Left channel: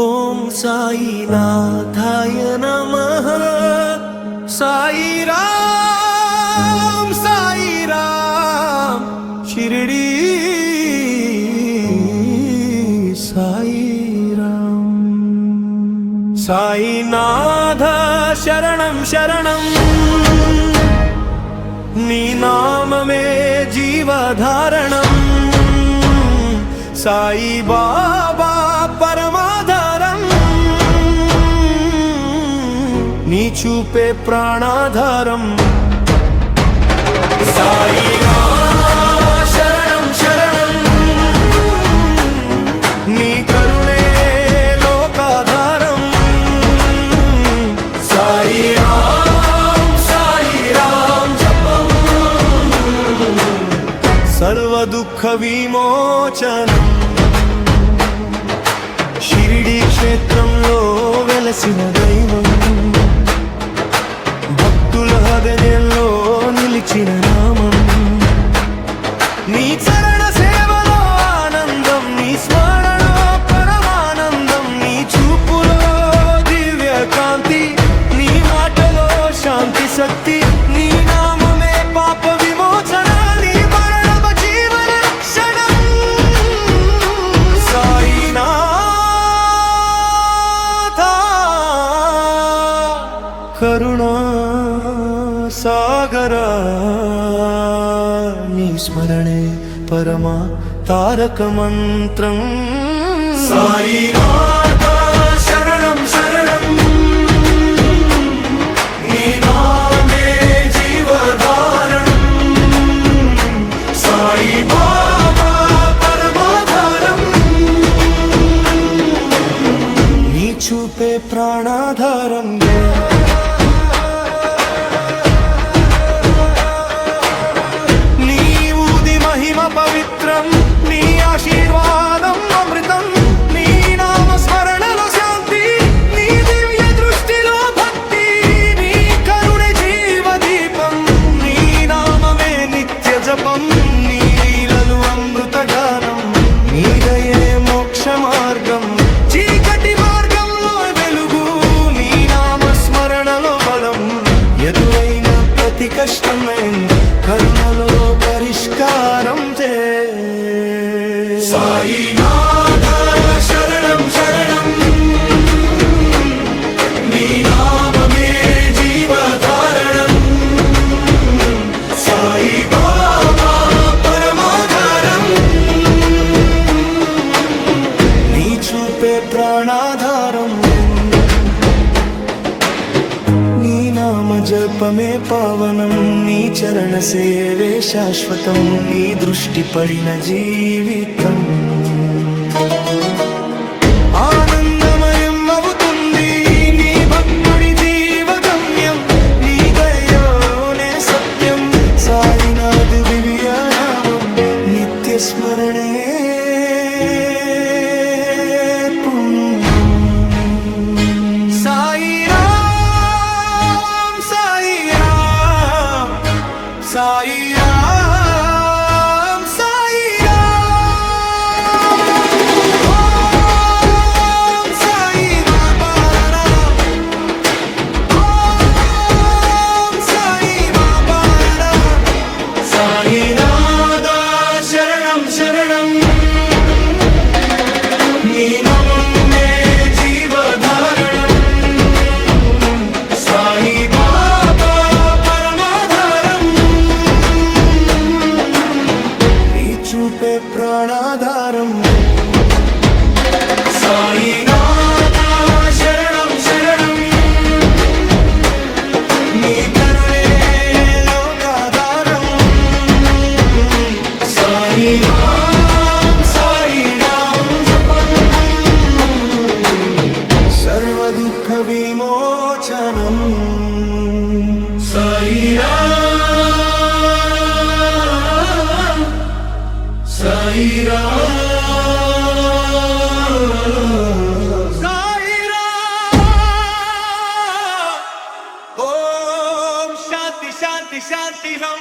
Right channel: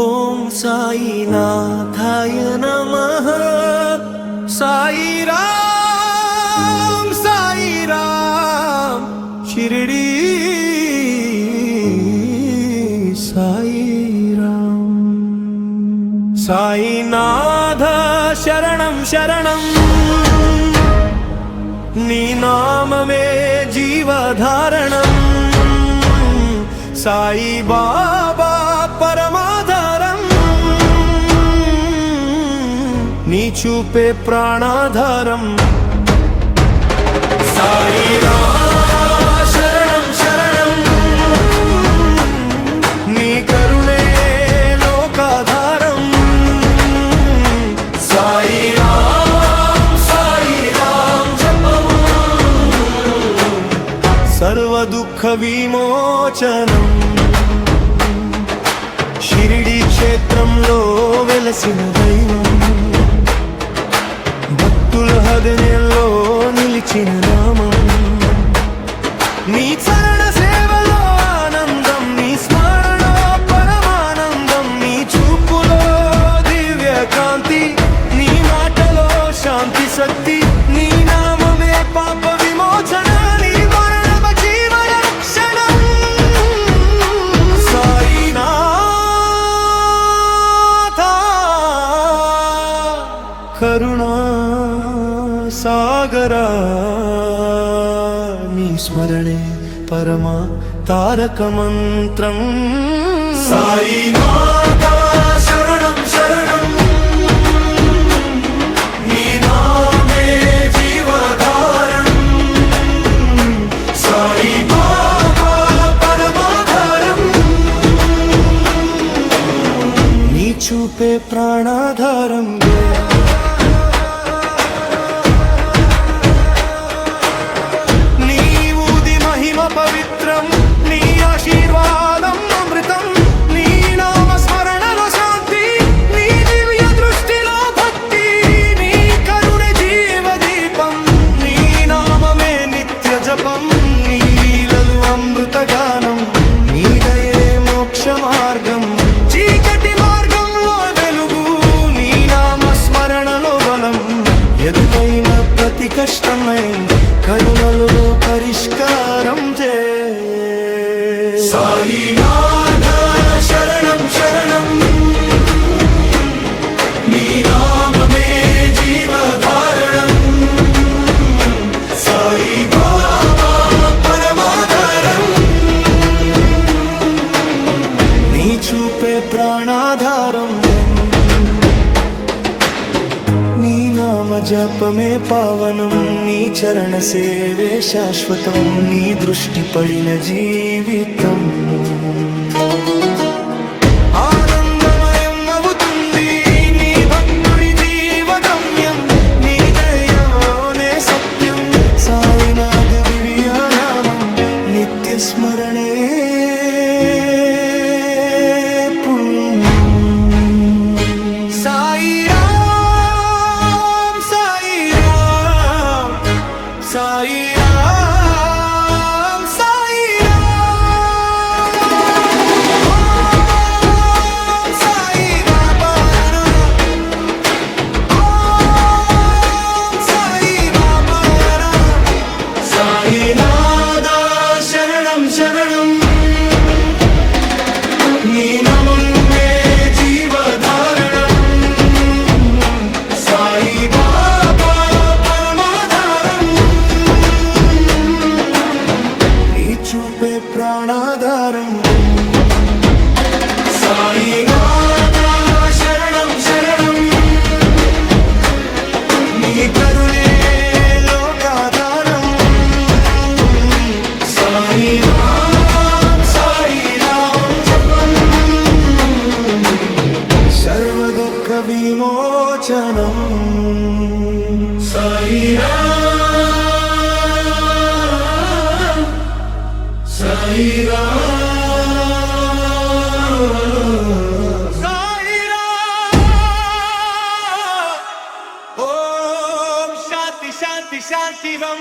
ఓం సాయినాథాయ నమః. సాయి రామ్ సాయి రామ్ షిరిడి సాయి రామ్. సాయినాథ శరణం శరణం, నీ నామమే జీవధారణం. సాయి బాబా పరమాధారం, నీ చూపే ప్రాణాధారం. సాయి శరణం శరణం, నీ కరుణే లోకాధారం. సాయి రామ్ జపం, సర్వ దుఃఖ విమోచనం. షిరిడి క్షేత్రంలో వెలసిన దైవం, భక్తుల హృదయంలో నిలిచిన నామం. నీ చరణ సేవలో ఆనందం, నీ స్మరణలో పరమానందం. నీ చూపులో దివ్య కాంతి, నీ మాటలో శాంతి శక్తి. నీ నామమే పాప విమోచన, నీ మరణమ జీవన రక్షణం. సాయినాథ కరుణా సాగరా, నీ స్మరణే పరమా తారక మంత్రం. సాయినాథ శరణం శరణం, నీ నామే జీవధారణం. సాయి బాబా పరమాధారం, నీ చూపే ప్రాణాధారం. మహిమ పవిత్రం, నీ ఆశీర్వాదం అమృతం. నీ నామ స్మరణలో శాంతి, నీ దివ్య దృష్టిలో భక్తి. నీ కరుణ జీవదీపం, నీ నామమే నిత్య జపం. నీ లీలలు అమృత గానం, నీ దయే మోక్ష మార్గం. చీకటి మార్గంలో వెలుగు, నీ నామ స్మరణలో బలం. ఎదురైన ప్రతి కష్టమై కరుణలో పరిష్కారం చే. సాయినాథ శరణం శరణం, నీ నామమే జీవధారణం. సాయి బాబా పరమాధారం, నీ చూపే ప్రాణాధారం. నీ నామ జపమే పావనం, నీ చరణ సేవే శాశ్వతం. నీ దృష్టి పడిన జీవితం ఆనందమయం అవుతుంది. నీ భక్తుడి జీవగమ్యం, నీ దయోనే సత్యం. సాయినాథ దివ్య నామం, నిత్య స్మరణే పుణ్యం. సాయి సాయి రామ్ సాయి రామ్. ఓం సాయి బాబా నమః. ఓం సాయి బాబా నమః. సాయినాథ శరణం శరణం, నీ నామమే జీవధారణం. సాయి బాబా పరమాధారం, చూపే ప్రాణాధారం. సాయినాథ శరణం శరణం, నీ కరుణే లోకాధారం. సాయి రామ్ జపం, సర్వ దుఃఖ విమోచనం. సాయి శాంతి శాంతి శాంతి రం.